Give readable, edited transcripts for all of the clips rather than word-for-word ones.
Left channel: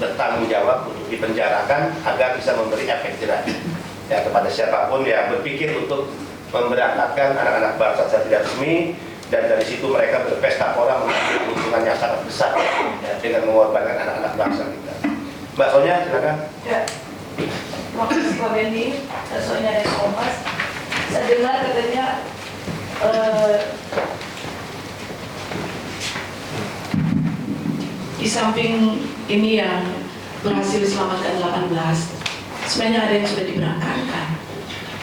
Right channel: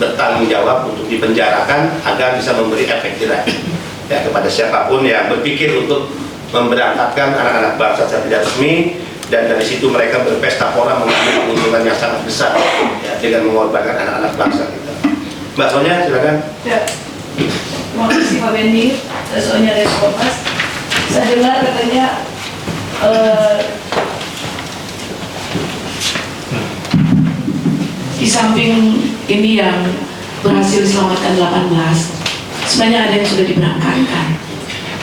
bertanggung jawab untuk dipenjarakan agar bisa memberi efek jerah ya kepada siapapun yang berpikir untuk memberangkatkan anak-anak bangsa secara tidak resmi, dan dari situ mereka berpesta pora mengambil keuntungan yang sangat besar ya, dengan mengorbankan anak-anak bangsa kita. Mbak Sonia, silakan. Ya. Terima kasih Pak Benny, Sonia dari Kompas. Saya dengar katanya di samping ini yang berhasil diselamatkan 18, sebenarnya ada yang sudah diberangkatkan.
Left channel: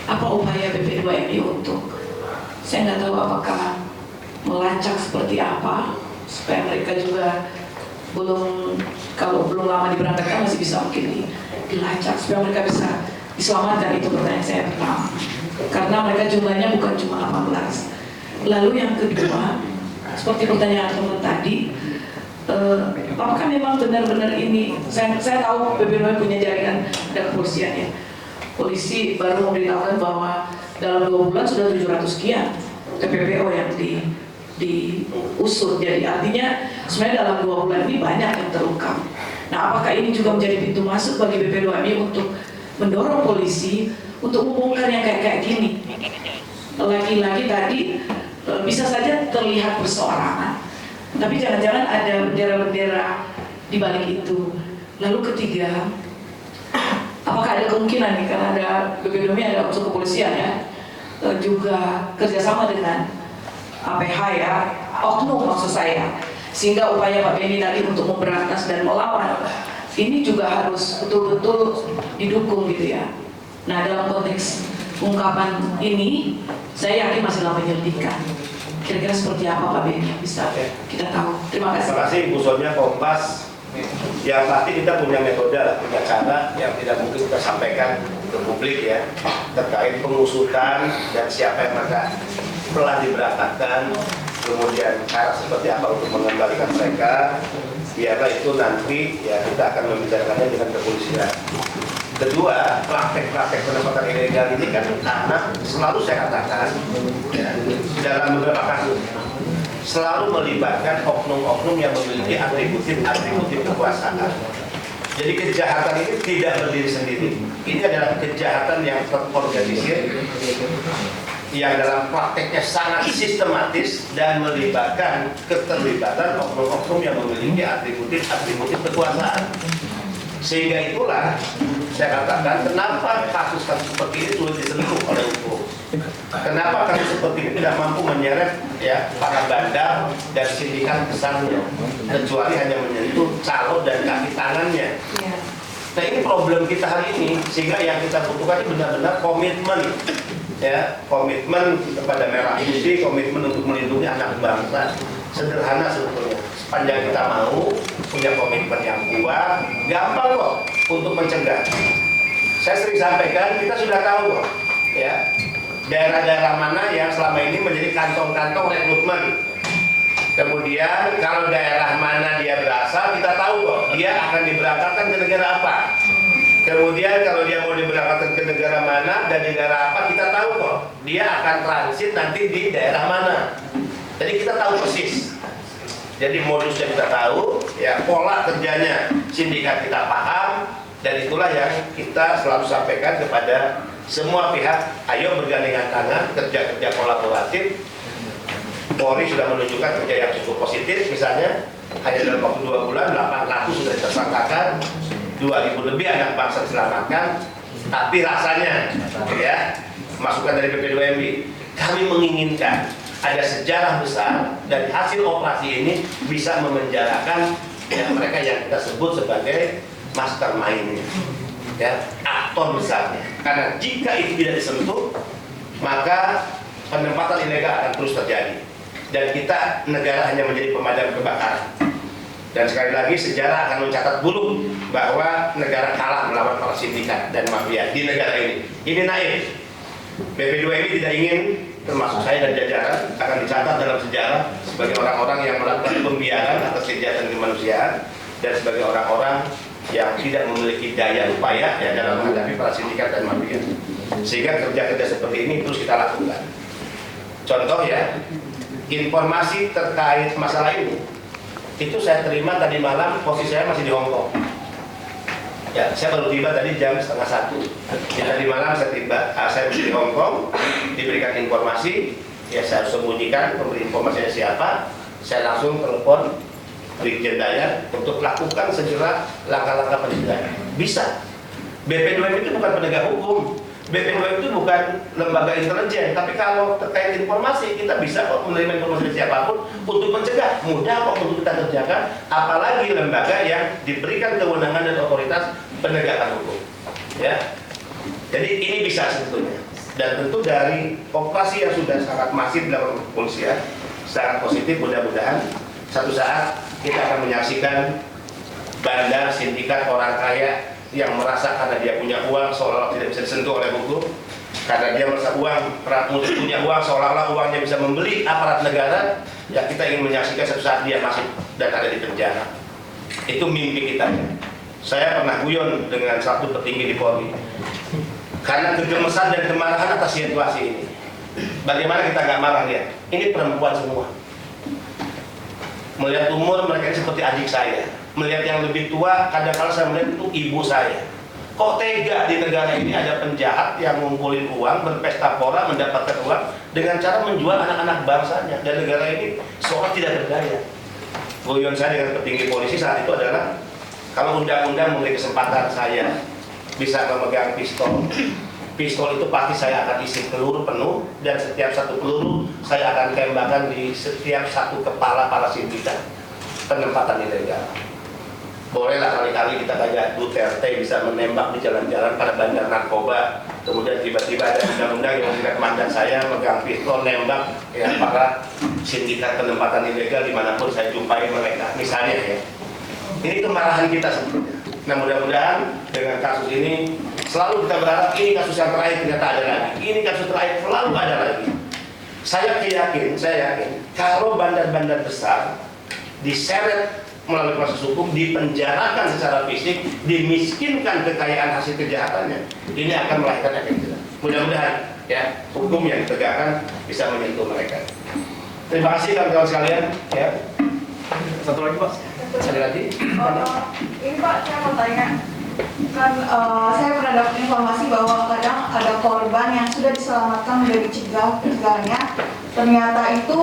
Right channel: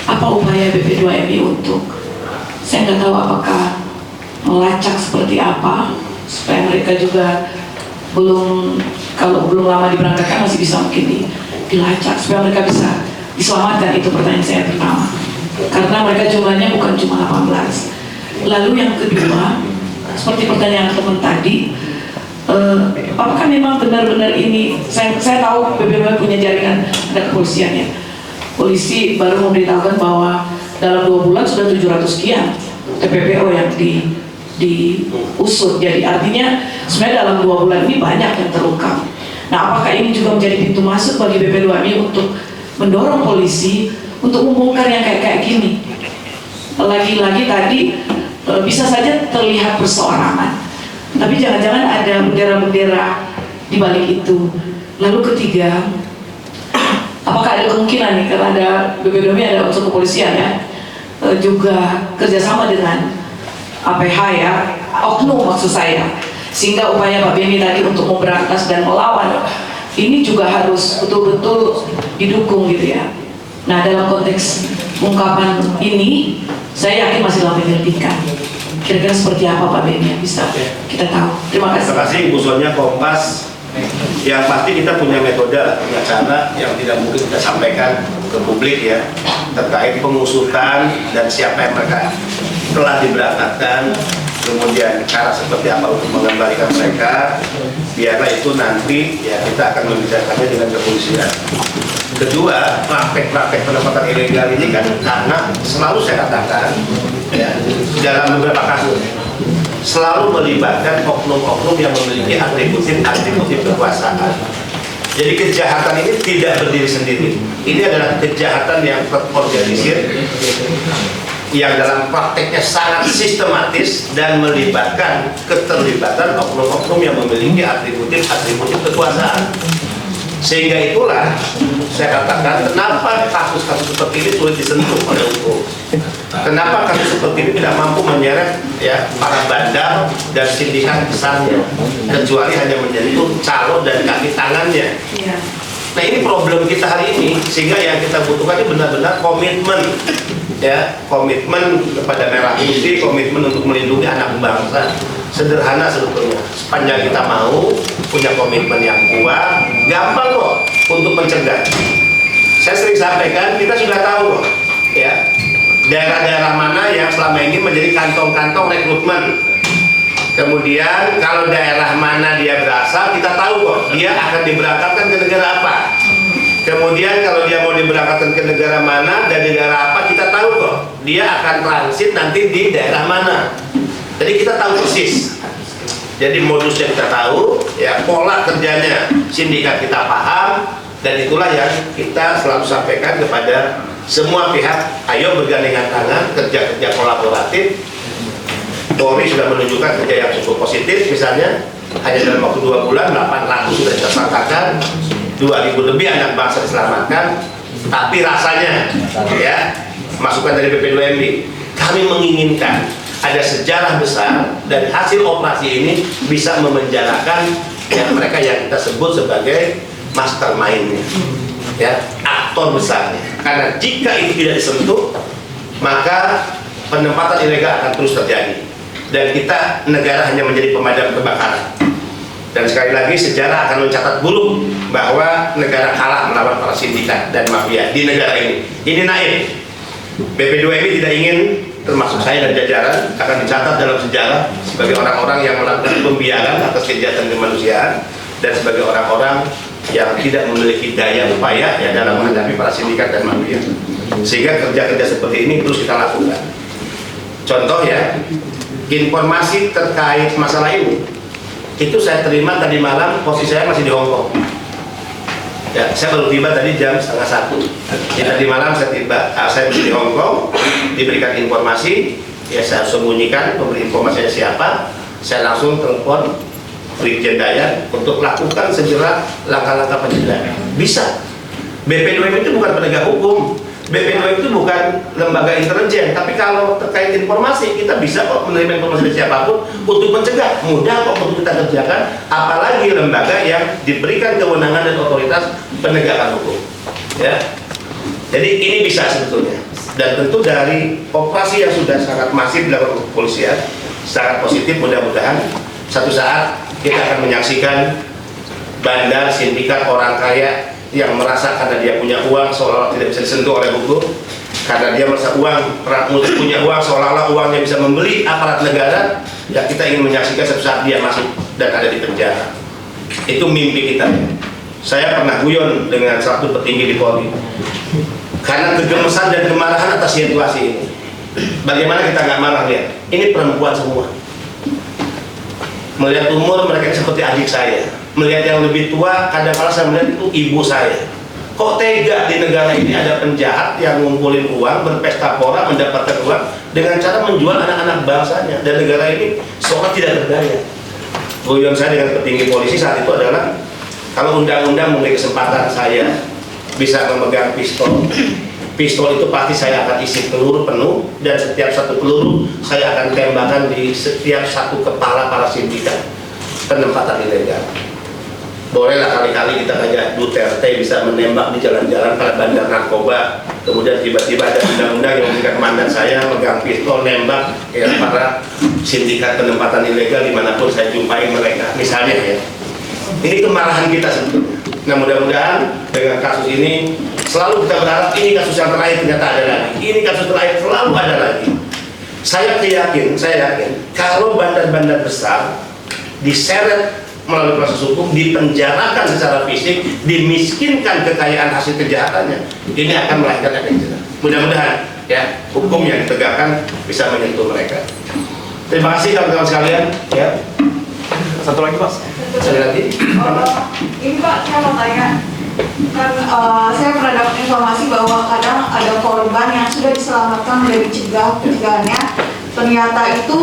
Apa upaya BP2MI untuk, saya nggak tahu apakah melacak seperti apa supaya mereka juga kalau belum lama diberangkatkan masih bisa mungkin dilacak supaya mereka bisa diselamatkan. Itu pertanyaan saya pertama, karena mereka jumlahnya bukan cuma 18. Lalu yang kedua, seperti pertanyaan teman tadi, apakah memang benar-benar ini, saya tahu BPBM punya jaringan ada kepolisian ya, polisi baru memberitahukan bahwa dalam 2 bulan sudah 700 sekian TPPO yang diusut. Jadi artinya sebenarnya dalam 2 bulan ini banyak yang terungkap. Nah, apakah ini juga menjadi pintu masuk bagi BP2MI untuk mendorong polisi untuk membongkar yang kayak gini? Lagi-lagi tadi bisa saja terlihat perseorangan, tapi jangan-jangan ada bendera-bendera di balik itu. Lalu ketiga, apakah ada kemungkinan nih, karena ada BP2MI ada unsur kepolisian ya, juga kerjasama dengan APH ya, oknum maksud saya, sehingga upaya Pak Benny tadi untuk memberantas dan melawan ini juga harus betul-betul didukung gitu ya. Nah, dalam konteks ungkapan ini, saya yakin masih dalam penyelidikan. Kira-kira seperti apa Pak Benny yang bisa kita tahu? Terima kasih. Terima kasih Bu Sonia, Kompas. Yang pasti kita punya metode, punya cara yang tidak mungkin kita sampaikan ke publik ya, terkait pengusutan dan siapa yang mereka telah diberangkatkan, kemudian cara seperti apa untuk mengembalikan mereka. Biarlah itu nanti ya kita akan membicarakannya dengan kepolisian. Kedua, praktek-praktek penempatan ilegal ini kan karena selalu saya katakan ya, dalam beberapa kasus selalu melibatkan oknum-oknum yang memiliki atribut kekuasaan. Jadi kejahatan ini tidak berdiri sendiri. Ini adalah kejahatan yang terorganisir, yang dalam prakteknya sangat sistematis dan melibatkan keterlibatan oknum-oknum yang memiliki atribut kekuasaan. Sehingga itulah saya katakan kenapa kasus-kasus seperti ini sulit disentuh oleh hukum. Kenapa kasus seperti ini tidak mampu menyeret ya para bandar dan sindikat besarnya, kecuali hanya menyentuh calo dan kaki tangannya. Nah, ini problem kita hari ini, sehingga yang kita butuhkan ini benar-benar komitmen ya, komitmen kepada Merah Putih, komitmen untuk melindungi anak bangsa. Sederhana sebetulnya, sepanjang kita mau punya komitmen yang kuat, gampang kok untuk mencegah. Saya sering sampaikan, kita sudah tahu kok ya, daerah-daerah mana yang selama ini menjadi kantong-kantong rekrutmen. Kemudian kalau daerah mana dia berasal, kita tahu kok dia akan diberangkatkan ke negara apa. Kemudian kalau dia mau diberangkatkan ke negara mana dan negara apa, kita tahu kok dia akan transit nanti di daerah mana. Jadi kita tahu persis. Jadi modusnya kita tahu, ya pola kerjanya sindikat kita paham, dan itulah yang kita selalu sampaikan kepada semua pihak. Ayo bergandengan tangan, kerja-kerja kolaboratif. Polri sudah menunjukkan kerja yang cukup positif, misalnya hanya dalam waktu 2 bulan 800 sudah ditersangkakan, 2000 lebih anak bangsa diselamatkan. Tapi rasanya, ya masukan dari BP2MI, kami menginginkan ada sejarah besar dan hasil operasi ini bisa memenjarakan ya, mereka yang kita sebut sebagai mastermind-nya, ya, aktor besarnya. Karena jika itu tidak disentuh, maka penempatan ilegal akan terus terjadi. Dan kita negara hanya menjadi pemadam kebakaran. Dan sekali lagi sejarah akan mencatat buruk bahwa negara kalah melawan para sindikat dan mafia di negara ini. Ini naif. BP2MI tidak ingin, termasuk saya dan jajaran, akan dicatat dalam sejarah sebagai orang-orang yang melakukan pembiaran atas kejahatan kemanusiaan dan sebagai orang-orang yang tidak memiliki daya upaya ya dalam menghadapi para sindikat dan mafia. Sehingga kerja-kerja seperti ini terus kita lakukan. Contoh ya, informasi terkait masalah ini itu saya terima tadi malam, posisi saya masih di Hongkong. Ya, saya baru tiba tadi jam 12:30. Tadi malam saya tiba, saya di Hong Kong, diberikan informasi, ya saya sembunyikan, memberi informasinya siapa, saya langsung telepon Brigjen Dayat untuk lakukan segera langkah-langkah pencegahan. Bisa. BP2M itu bukan penegak hukum, BP2M itu bukan lembaga intelijen, tapi kalau terkait informasi kita bisa kok menerima informasi dari siapapun untuk mencegah, mudah kok untuk kita kerjakan, apalagi lembaga yang diberikan kewenangan dan otoritas penegakan hukum. Ya, jadi ini bisa sebetulnya. Dan tentu dari operasi yang sudah sangat masif dilakukan kepolisian, sangat positif, mudah-mudahan satu saat kita akan menyaksikan bandar sindikat orang kaya yang merasa karena dia punya uang seolah-olah tidak bisa disentuh oleh hukum, karena dia merasa punya uang seolah-olah uangnya bisa membeli aparat negara, ya kita ingin menyaksikan suatu saat dia masuk dan ada di penjara. Itu mimpi kita. Saya pernah guyon dengan satu petinggi di Polri karena kegemesan dan kemarahan atas situasi ini. Bagaimana kita nggak marah lihat? Ini perempuan semua. Melihat umur mereka seperti adik saya. Melihat yang lebih tua, kadang-kadang saya melihat itu ibu saya. Kok tega di negara ini ada penjahat yang ngumpulin uang, berpesta pora, mendapatkan uang dengan cara menjual anak-anak bangsanya, dan negara ini seolah tidak berdaya. Guyon saya dengan petinggi polisi saat itu adalah, kalau undang-undang memberi kesempatan saya bisa memegang pistol, pistol itu pasti saya akan isi peluru penuh, dan setiap satu peluru saya akan tembakan di setiap satu kepala para sindikat penempatan ilegal. Bolehlah kali-kali kita kayak Duterte bisa menembak di jalan-jalan pada bandar narkoba, kemudian tiba-tiba ada undang-undang yang memberikan komandan saya megang pistol nembak ya para sindikat penempatan ilegal dimanapun saya jumpai mereka, misalnya ya. Ini kemarahan kita sebetulnya. Nah, mudah-mudahan dengan kasus ini selalu kita berharap ini kasus yang terakhir, ternyata ada lagi. Ini kasus terakhir, selalu ada lagi. Saya yakin kalau bandar-bandar besar diseret melalui proses hukum, dipenjarakan secara fisik, dimiskinkan kekayaan hasil kejahatannya, ini akan melahirkan efek jerah. Mudah-mudahan ya hukum yang ditegakkan bisa menyentuh mereka. Terima kasih kawan-kawan sekalian. Ya. Satu lagi Pak. Satu lagi. Ini Pak, saya mau tanya. Kan saya pernah dapat informasi bahwa kadang ada korban yang sudah diselamatkan dari pencegahannya, ternyata itu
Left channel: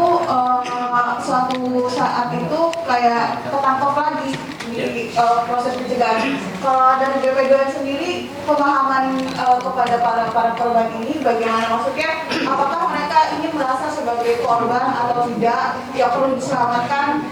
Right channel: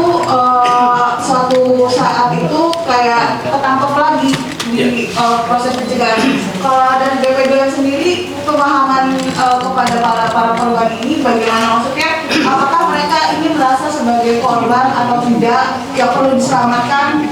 suatu saat itu kayak ketangkep lagi di proses pencegahan. Kalau dari BP2M sendiri, pemahaman kepada para korban ini bagaimana, maksudnya apakah mereka ini merasa sebagai korban atau tidak yang perlu diselamatkan?